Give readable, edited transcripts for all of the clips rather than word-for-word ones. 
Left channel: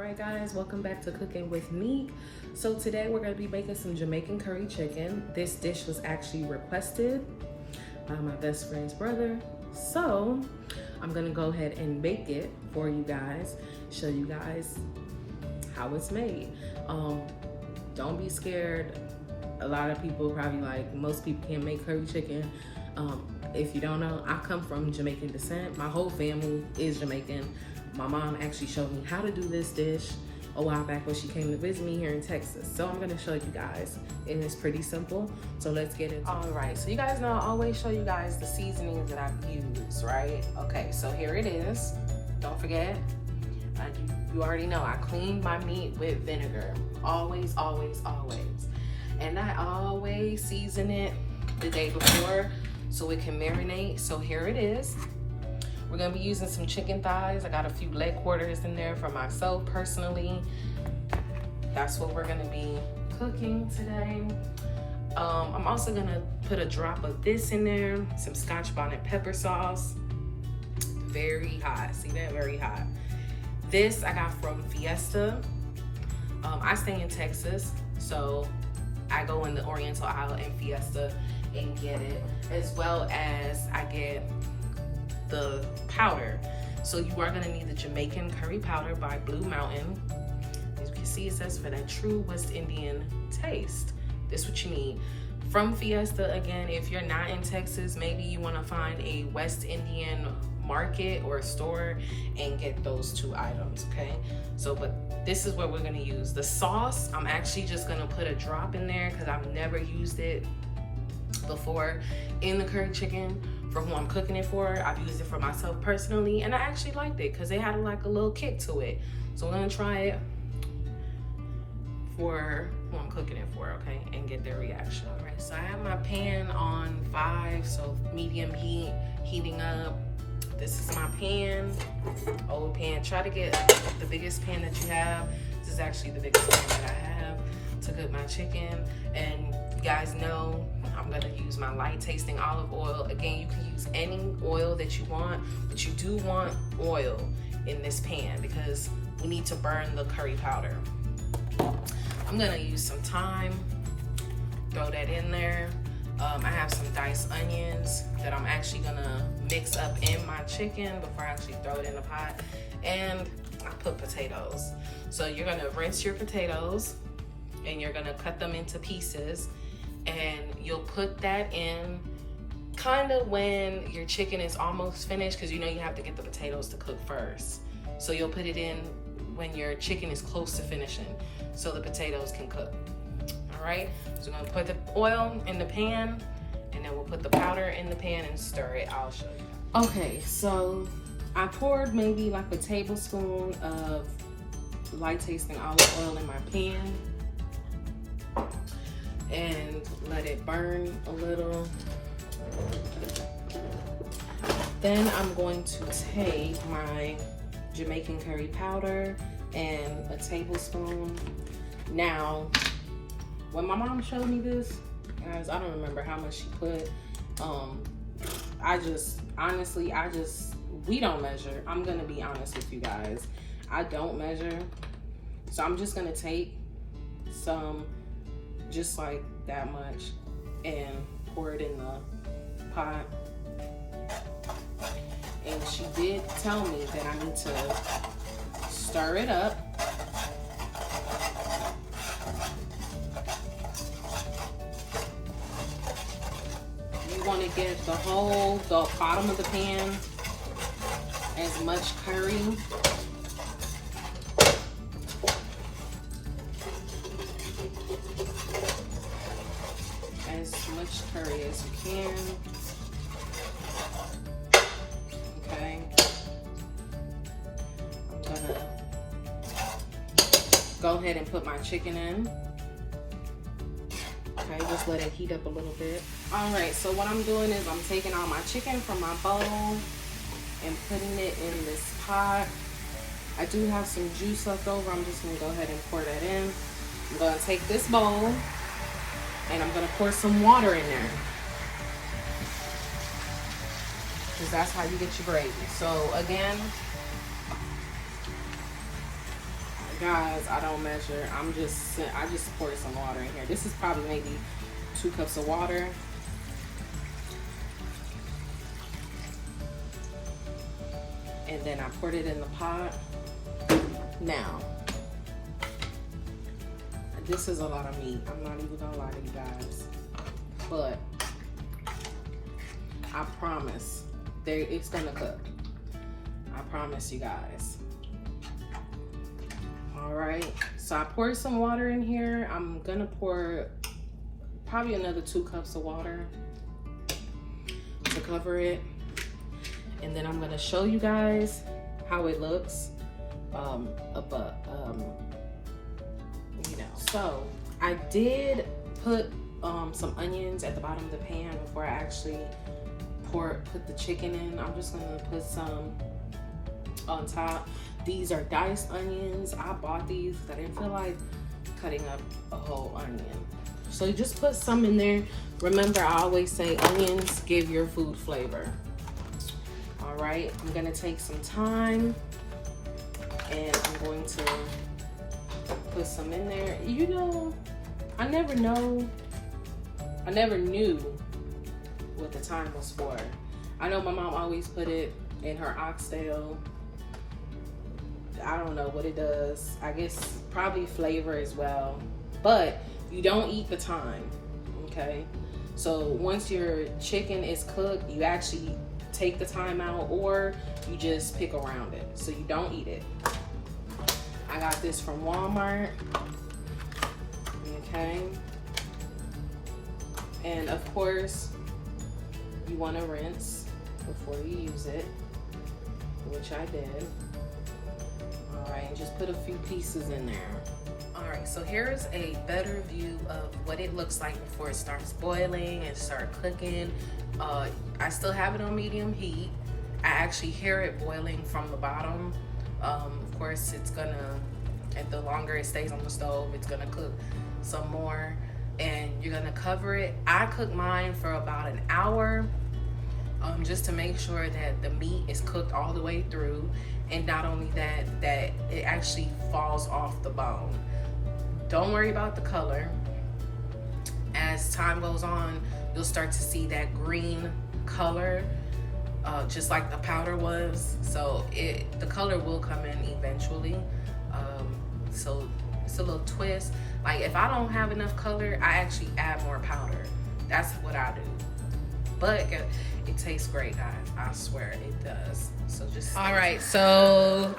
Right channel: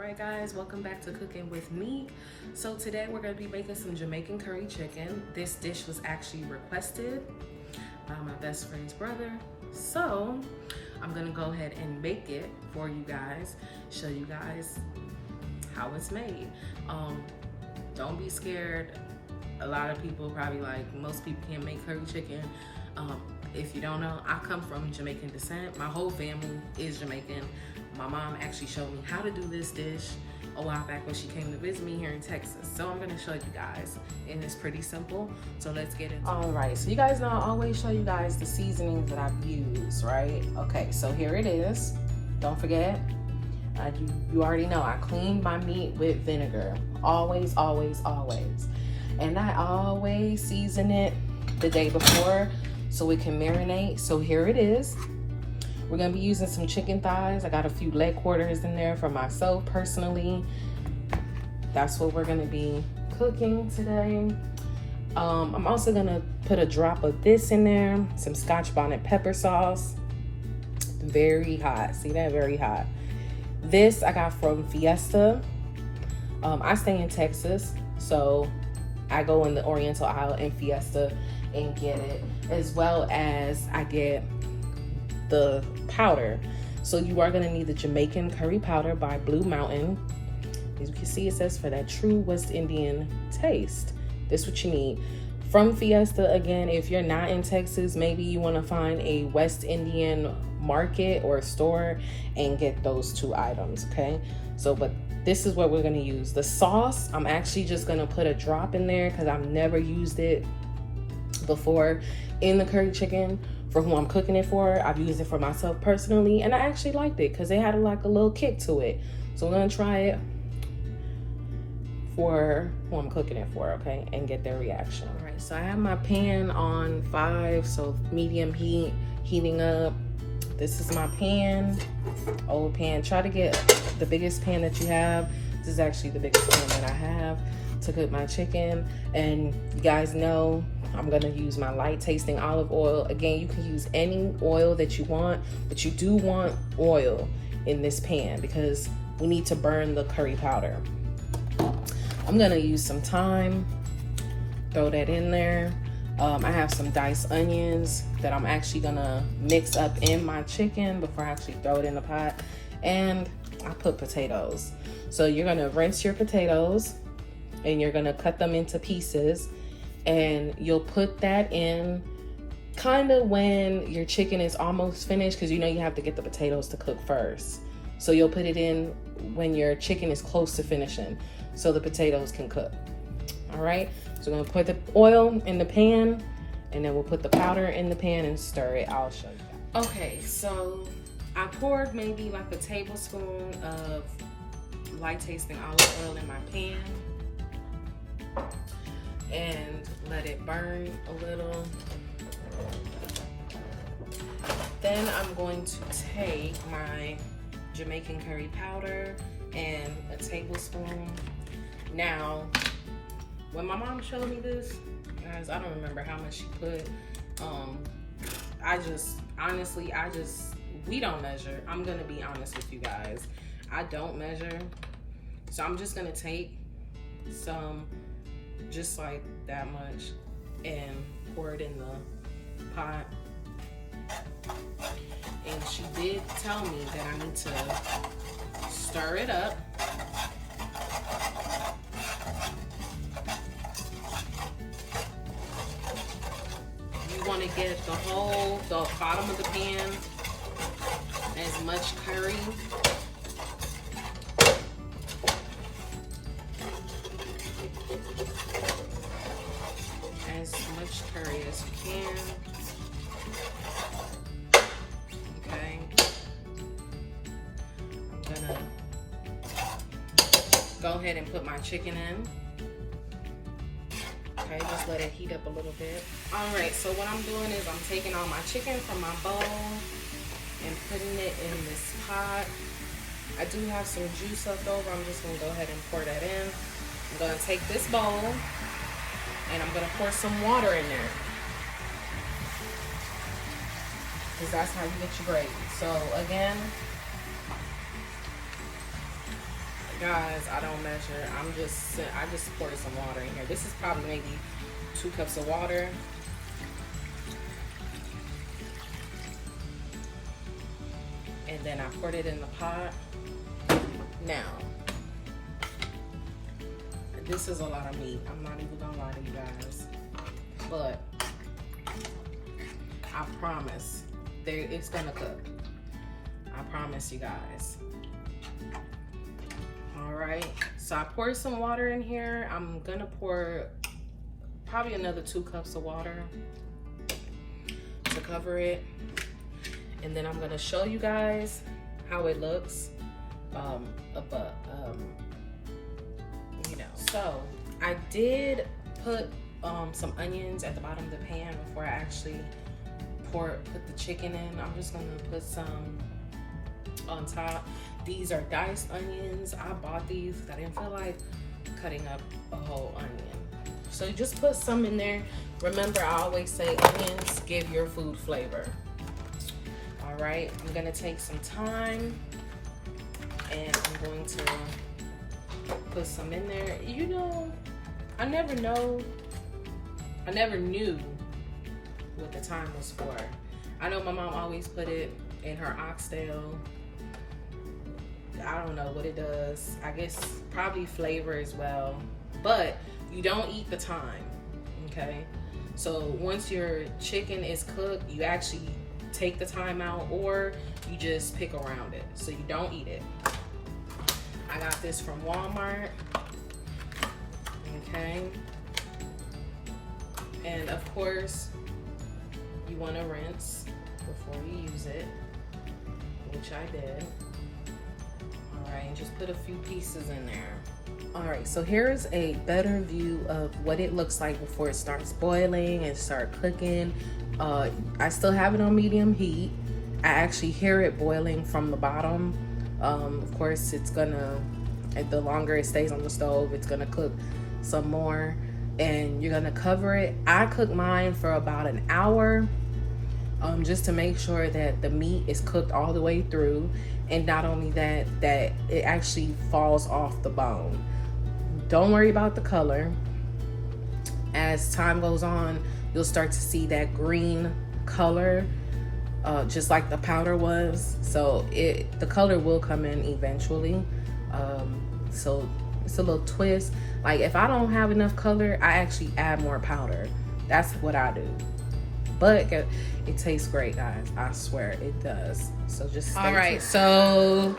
Alright guys, welcome back to Cooking with Me. So today we're going to be making some Jamaican curry chicken. This dish was actually requested by my best friend's brother. So I'm going to go ahead and make it for you guys, show you guys how it's made. Don't be scared. A lot of people probably like, most people can't make curry chicken. If you don't know, I come from Jamaican descent. My whole family is Jamaican. My mom actually showed me how to do this dish a while back when she came to visit me here in Texas. So I'm gonna show you guys, and it's pretty simple. So let's get into it. All right, so you guys know I always show you guys the seasonings that I've used, right? Okay, so here it is. Don't forget, you already know I cleaned my meat with vinegar. Always, always, always. And I always season it the day before so it can marinate. So here it is. We're gonna be using some chicken thighs. I got a few leg quarters in there for myself personally. That's what we're gonna be cooking today. I'm also gonna put a drop of this in there, some Scotch bonnet pepper sauce. Very hot, see that, very hot. This I got from Fiesta. I stay in Texas, so I go in the Oriental aisle in Fiesta and get it, as well as I get the powder. So you are gonna need the Jamaican curry powder by Blue Mountain. As you can see, it says for that true West Indian taste. This is what you need. From Fiesta, again, if you're not in Texas, maybe you wanna find a West Indian market or store and get those two items, okay? So, but this is what we're gonna use. The sauce, I'm actually just gonna put a drop in there because I've never used it before in the curry chicken. For who I'm cooking it for, I've used it for myself personally, and I actually liked it because it had like a little kick to it. So I'm gonna try it for who I'm cooking it for, okay, and get their reaction. All right, so I have my pan on 5, so medium heat, heating up. This is my pan, old pan. Try to get the biggest pan that you have. This is actually the biggest pan that I have to cook my chicken. And you guys know I'm gonna use my light tasting olive oil. Again, you can use any oil that you want, but you do want oil in this pan because we need to burn the curry powder. I'm gonna use some thyme, throw that in there. I have some diced onions that I'm actually gonna mix up in my chicken before I actually throw it in the pot. And I put potatoes. So you're gonna rinse your potatoes and you're gonna cut them into pieces, and you'll put that in kind of when your chicken is almost finished, because you know you have to get the potatoes to cook first. So you'll put it in when your chicken is close to finishing so the potatoes can cook. All right, so we're gonna put the oil in the pan, and then we'll put the powder in the pan and stir it. I'll show you. Okay, so I poured maybe like a tablespoon of light tasting olive oil in my pan and let it burn a little. Then I'm going to take my Jamaican curry powder and a tablespoon. Now, when my mom showed me this, guys, I don't remember how much she put. Honestly, we don't measure. I'm gonna be honest with you guys. I don't measure. So I'm just gonna take some, just like that much, and pour it in the pot. And she did tell me that I need to stir it up. You want to get the bottom of the pan as much curry as you can. Okay. I'm gonna go ahead and put my chicken in. Okay, just let it heat up a little bit. All right, so what I'm doing is I'm taking all my chicken from my bowl and putting it in this pot. I do have some juice left over. I'm just gonna go ahead and pour that in. I'm gonna take this bowl and I'm gonna pour some water in there, because that's how you get your gravy. So again, Guys, I don't measure. I just poured some water in here. This is probably maybe 2 cups of water. And then I poured it in the pot. Now, this is a lot of meat. I'm not even gonna lie to you guys. But I promise it's gonna cook. I promise you guys. All right, so I poured some water in here. I'm gonna pour probably another 2 cups of water to cover it. And then I'm gonna show you guys how it looks. You know, so I did put some onions at the bottom of the pan before I actually put the chicken in. I'm just gonna put some on top. These are diced onions. I bought these because I didn't feel like cutting up a whole onion. So you just put some in there. Remember, I always say onions give your food flavor. All right, I'm gonna take some time and I'm going to put some in there. You know, I never knew what the time was for. I know my mom always put it in her oxtail. I don't know what it does. I guess probably flavor as well. But you don't eat the thyme, okay? So once your chicken is cooked, you actually take the thyme out or you just pick around it. So you don't eat it. I got this from Walmart, okay? And of course, you want to rinse before you use it, which I did. All right, and just put a few pieces in there. All right, so here's a better view of what it looks like before it starts boiling and start cooking. I still have it on medium heat. I actually hear it boiling from the bottom. Of course, it's gonna, and the longer it stays on the stove, it's gonna cook some more. And you're gonna cover it. I cook mine for about an hour, just to make sure that the meat is cooked all the way through, and not only that, that it actually falls off the bone. Don't worry about the color. As time goes on, you'll start to see that green color, just like the powder was. So the color will come in eventually. So it's a little twist. Like if I don't have enough color, I actually add more powder. That's what I do. But it tastes great, guys. I swear it does. So just stay tuned. So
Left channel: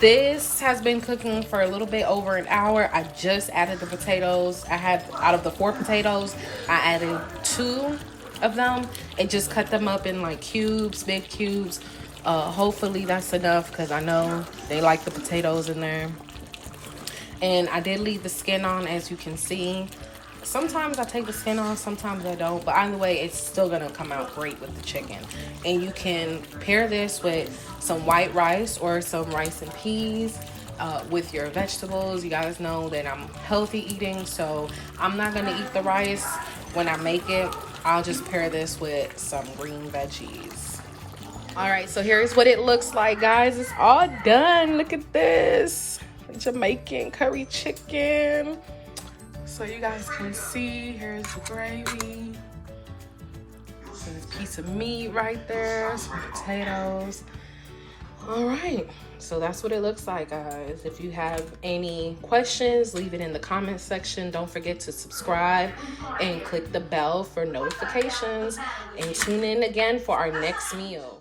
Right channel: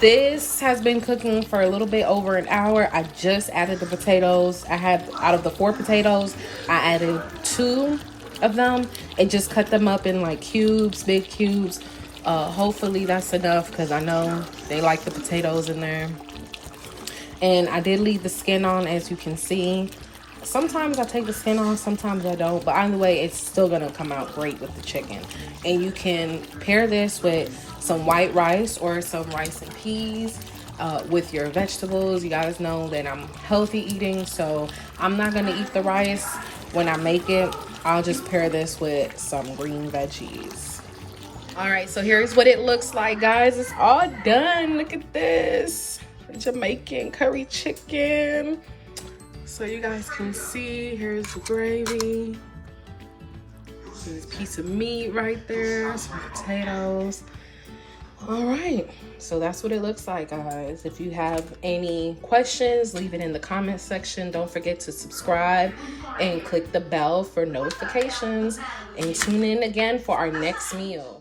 this has been cooking for a little bit over an hour. I just added the potatoes. I had, out of the 4 potatoes, I added 2 of them and just cut them up in like cubes, big cubes. Hopefully that's enough because I know they like the potatoes in there. And I did leave the skin on, as you can see. Sometimes I take the skin off, sometimes I don't. But either way, it's still gonna come out great with the chicken. And you can pair this with some white rice or some rice and peas with your vegetables. You guys know that I'm healthy eating, so I'm not gonna eat the rice when I make it. I'll just pair this with some green veggies. All right, so here's what it looks like, guys. It's all done. Look at this. Jamaican curry chicken. So you guys can see, here's the gravy. There's a piece of meat right there, some potatoes. All right, so that's what it looks like, guys. If you have any questions, leave it in the comment section. Don't forget to subscribe and click the bell for notifications, and tune in again for our next meal.